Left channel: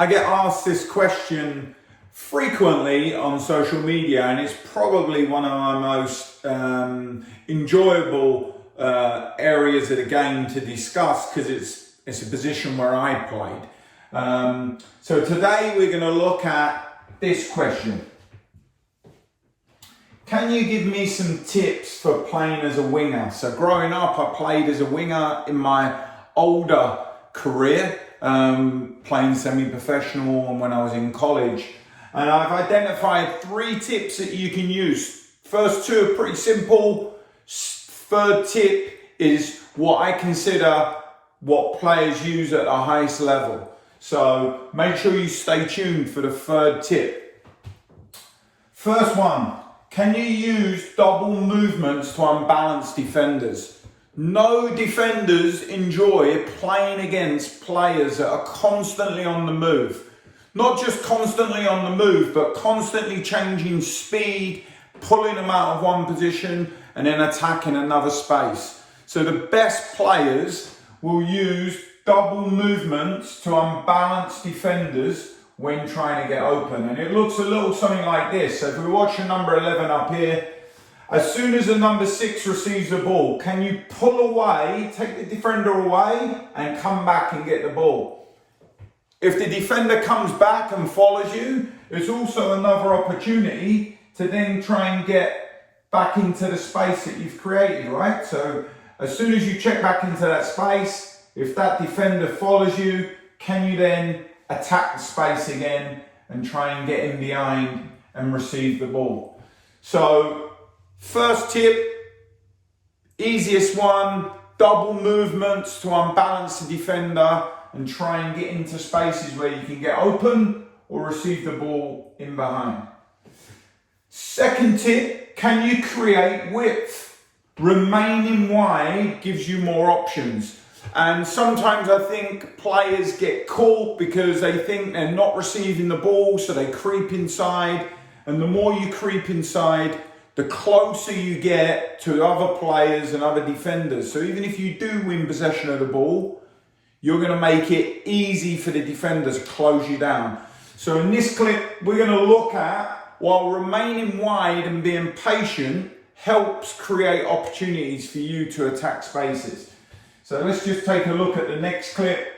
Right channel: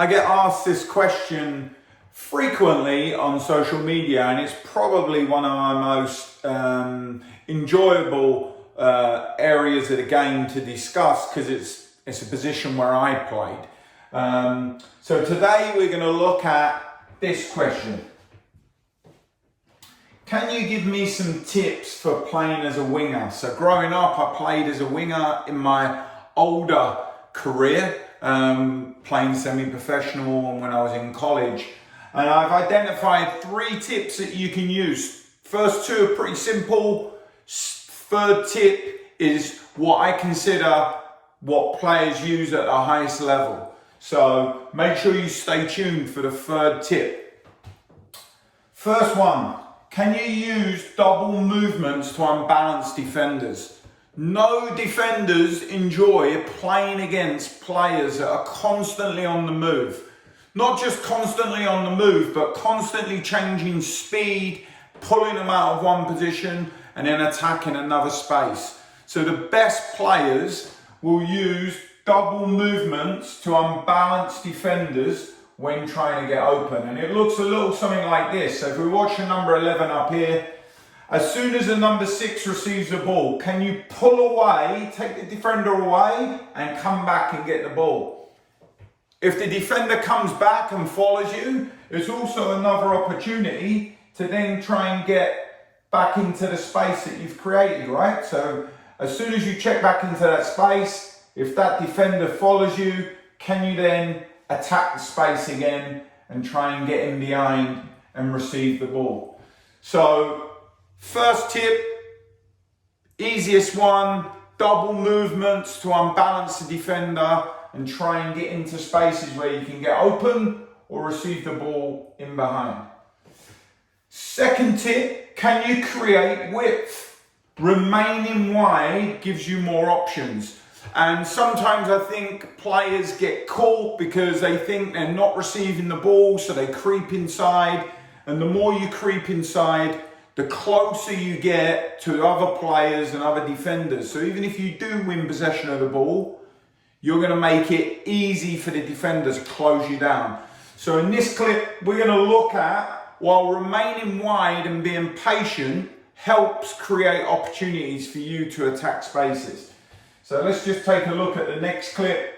I get asked this question frequently on social media, and it's probably one of my most enjoyable areas of the game to discuss because it's a position where I played. So today we're going to look at this question. Can you give me some tips for playing as a winger? So growing up, I played as a winger in my older career, playing semi-professional and when I was in college. And I've identified 3 tips that you can use. First 2 are pretty simple. Third tip is what I consider what players use at the highest level. So make sure you stay tuned for the third tip. First one, can you use double movements to unbalance defenders? No defenders enjoy playing against players that are constantly on the move. Not just constantly on the move, but constantly changing speed, pulling them out of one position and then attacking another space. So the best players will use double movements to unbalance defenders when trying to get open. And it looks a little something like this. So if we watch the number 11 up here, as soon as the number 6 receives the ball, can you pull away, take the defender away and come back and get the ball? If the defender comes back and follows you, it's also another opportunity to then try and get back into the space that you've created, right? So as soon as you check back into that space, if that defender follows you, can you then attack the space again and try and get in behind and receive the ball? So first tip, easiest one, double movements to unbalance the defender and try and get into spaces where you can get open or receive the ball in behind. Second tip, can you create width? Remaining wide gives you more options. And sometimes I think players get caught because they think they're not receiving the ball, so they creep inside. And the more you creep inside, the closer you get to other players and other defenders. So even if you do win possession of the ball, you're going to make it easy for the defenders to close you down. So in this clip, we're going to look at while remaining wide and being patient helps create opportunities for you to attack spaces. So let's just take a look at the next clip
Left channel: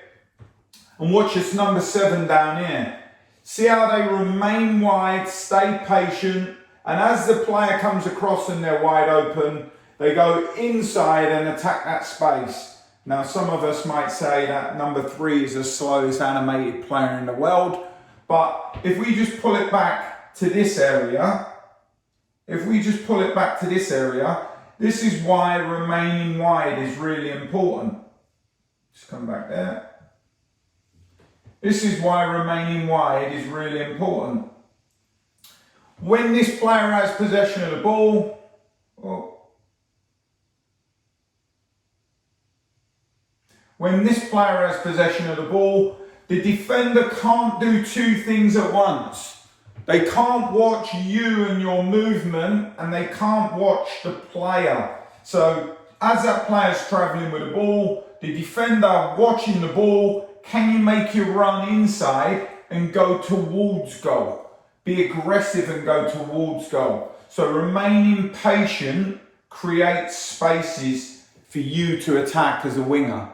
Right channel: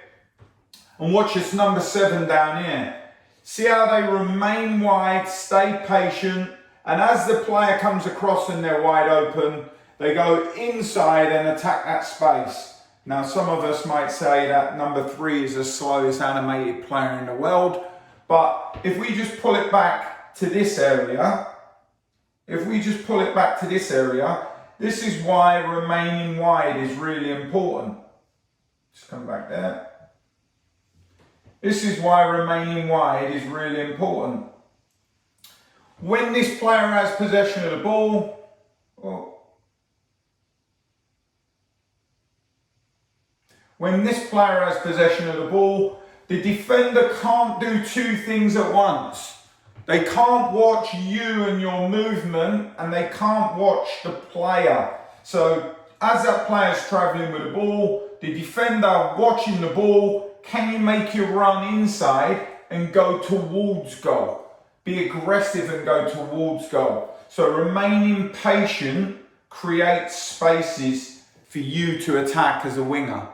and watch this number 7 down here. See how they remain wide, stay patient, and as the player comes across and they're wide open, they go inside and attack that space. Now, some of us might say that number 3 is the slowest animated player in the world, but if we just pull it back to this area, this is why remaining wide is really important. Just come back there. This is why remaining wide is really important. When this player has possession of the ball, the defender can't do 2 things at once. They can't watch you and your movement, and they can't watch the player. So as that player's traveling with the ball, the defender watching the ball, can you make your run inside and go towards goal? Be aggressive and go towards goal. So remaining patient creates spaces for you to attack as a winger.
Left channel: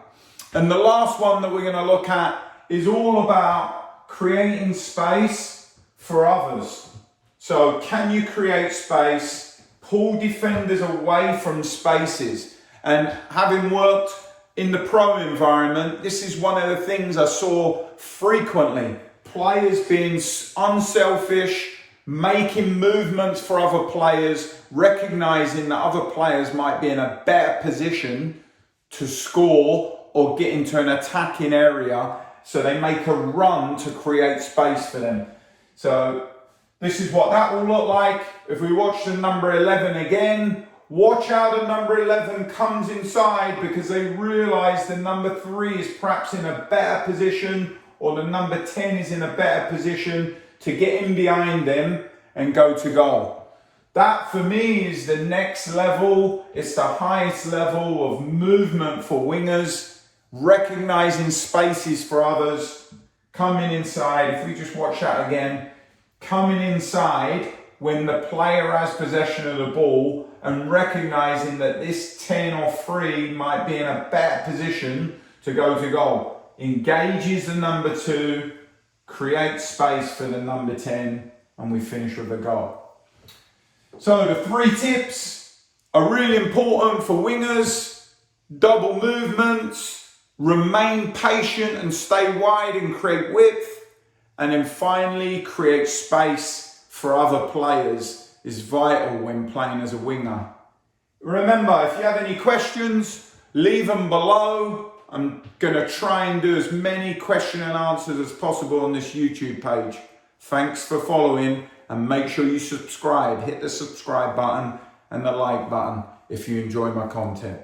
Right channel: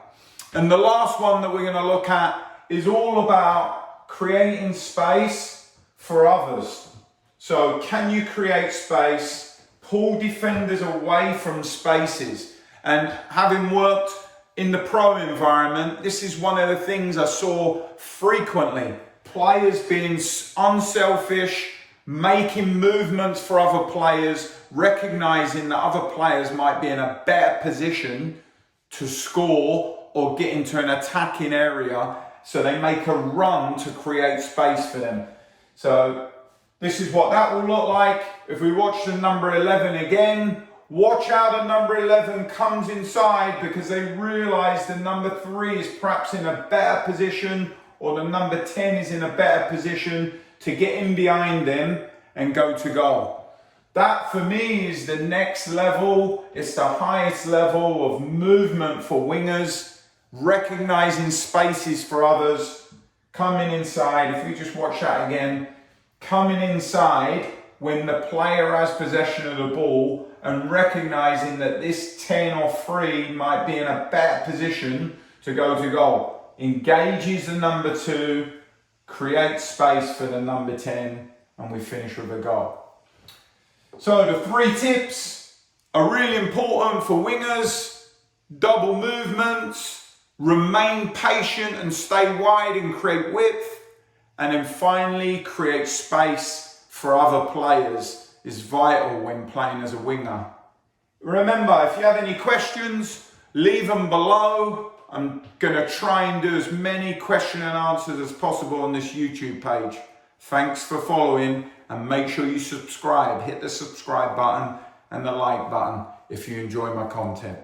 And the last one that we're going to look at is all about creating space for others. So can you create space, pull defenders away from spaces? And having worked in the pro environment, this is one of the things I saw frequently. Players being unselfish, making movements for other players, recognizing that other players might be in a better position to score or get into an attacking area, so they make a run to create space for them. So this is what that will look like. If we watch the number 11 again, watch how the number 11 comes inside because they realize the number 3 is perhaps in a better position, or the number 10 is in a better position to get in behind them and go to goal. That for me is the next level. It's the highest level of movement for wingers, recognizing spaces for others, coming inside, if we just watch that again, coming inside when the player has possession of the ball and recognizing that this 10 or 3 might be in a better position to go to goal. Engages the number 2, creates space for the number 10, and we finish with a goal. So the 3 tips are really important for wingers: double movements, remain patient and stay wide and create width, and then finally create space for other players is vital when playing as a winger. Remember, if you have any questions, leave them below. I'm going to try and do as many question and answers as possible on this YouTube page. Thanks for following, and make sure you subscribe. Hit the subscribe button and the like button if you enjoy my content.